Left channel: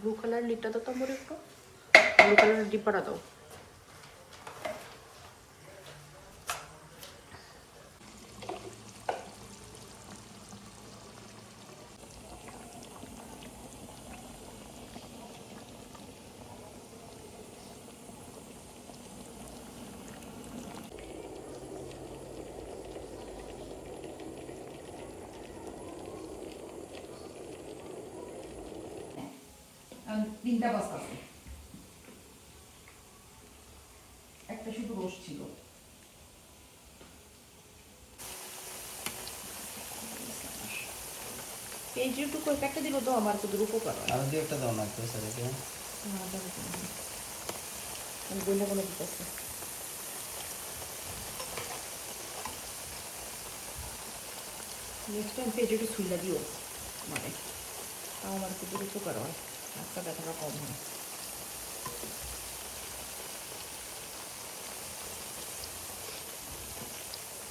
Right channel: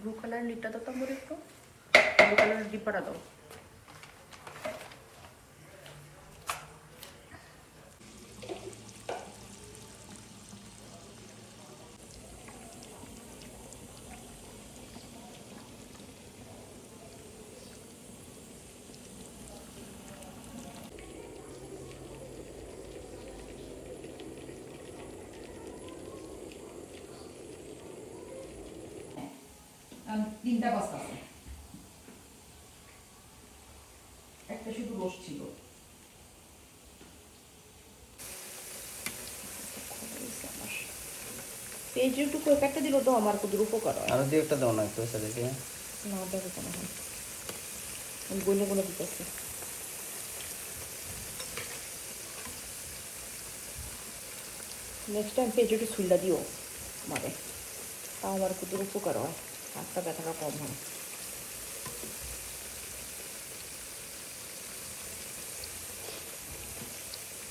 Blue colour লিপটা দাও তো মোর একটু ব্লু কালার ডিব্বাটা দাও তিনটা পাস্তা আছে, একটা শুধু রোজ ছিল। পেঁয়াজটুকু একটা দিল তো আমার খুব উপকার হয়। আর দিয়ে একটা দাও না একটু সাইডে। না দেবো কেন আমি বলে বলে দিতেছি নেক্সট টাইম পেঁয়াজটু ছুলটা দিও মানে আমার খুব উপকার হয় আস্তা ব্যথাটা কম হয়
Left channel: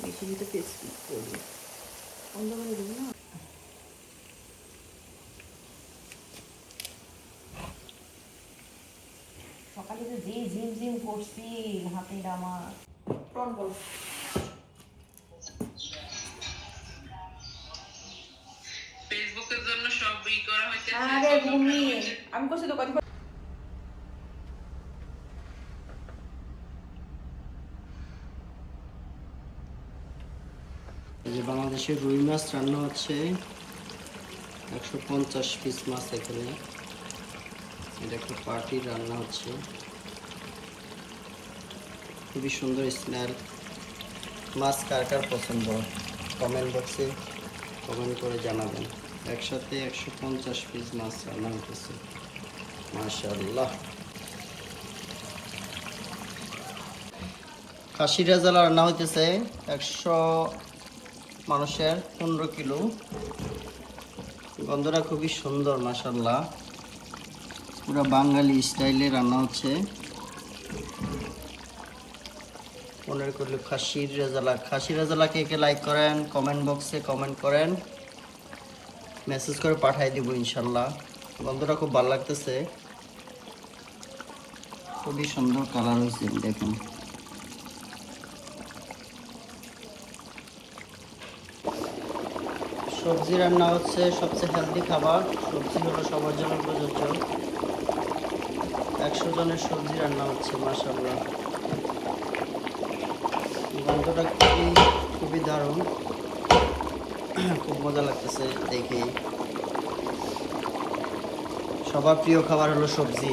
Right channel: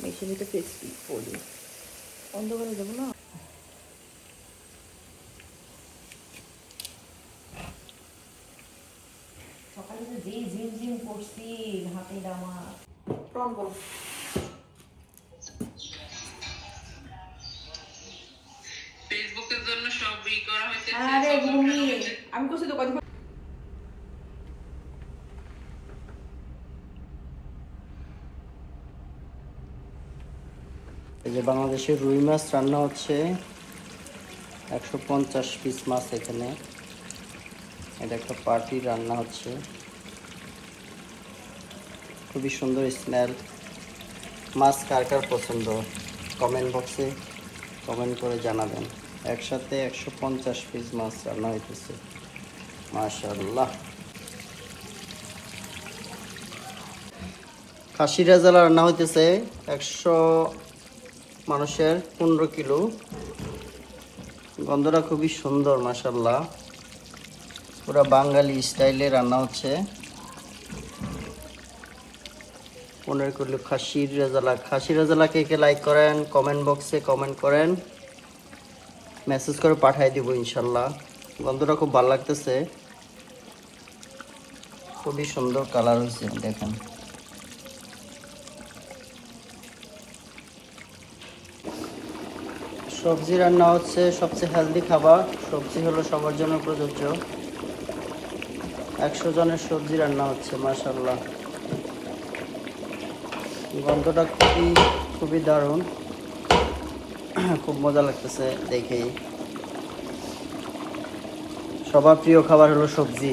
মেশিনিতে পেস্টি করি অন্ধ করে দেবো না সকালে যে জিম জিম করছি হাতে ডামা প্রন বল ফেসবুকের জন্য সব ই করা হয়েছে। আরে ভূমি আমি করছি তো কথা এই যে বাংলাদেশের রুই মাছ রান্না হচ্ছে 150 পিস মাছ এখানে এটা একটা পার্টি রান্না হচ্ছে খুবই সুন্দর স্মেল মাছ কার কার পছন্দ কমেন্ট বক্সে কমেন্ট করে জানাবেন একসাথে 150 পিস মাছ রান্না হইতেছে মাশাআল্লাহ খাসি রেজালা রান্না হইতেছে 100 মানুষের 15 কিলো গন্ধটা খুবই সুন্দর মাশাআল্লাহ পুরো বাঙালি স্টাইলে রান্না হচ্ছে 15 কিলো খাসির রেজালা কে কে লাইক করেন কমেন্ট বক্সে কমেন্ট করেন মেসেজ করে পাঠিয়ে দিব ইনশাআল্লাহ গন্ধটা খুব ভালো লাগতেছে খুবই সুন্দর কালার হয়েছে দেখুন সবজি রান্না হচ্ছে সবচেয়ে হেলদি খাবার সবজি হলো সবার জন্য প্রযোজ্য 100 জনের সবজি রান্না হচ্ছে মাশাআল্লাহ গন্ধটা খুবই দারুণ খুব মজা লাগতেছে দেখেই সবার প্রিয় খাবার হলো সবজি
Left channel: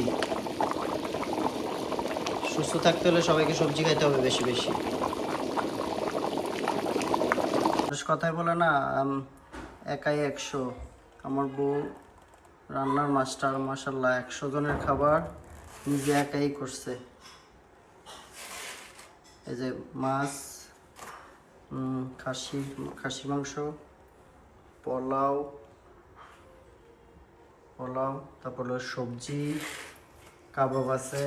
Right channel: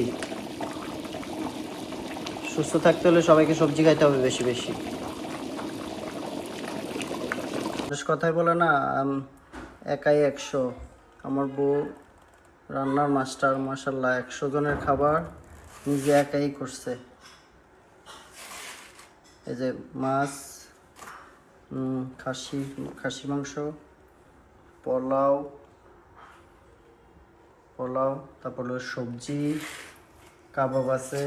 সুস্থ থাকতে হলে সবাইকে সবজি খাইতে হবে বেশি বেশি কথাই বলে না একাই 100 আমার বউ রান্নার মাস্টার মাশাআল্লাহ 100 জনের খাবার নিজে একাই করছে এই যে মাছ খাসি মাংস পোলাও তারপর সবজি কাবাব আছে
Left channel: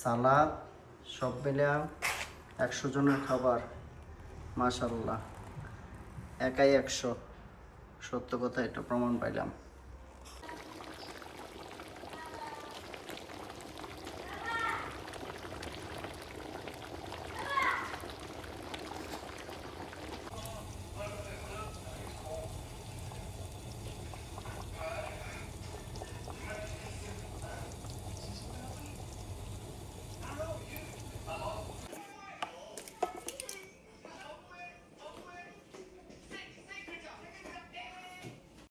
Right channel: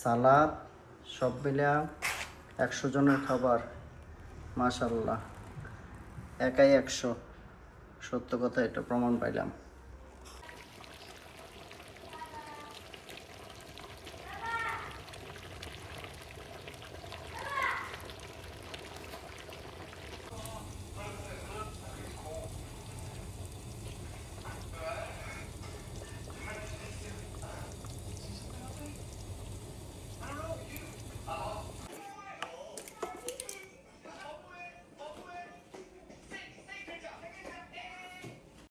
সালাদ সব মিলে 100 জনের খাবার মাশাআল্লাহ একাই 100 সত্য কথা এটা প্রমাণ পাইলাম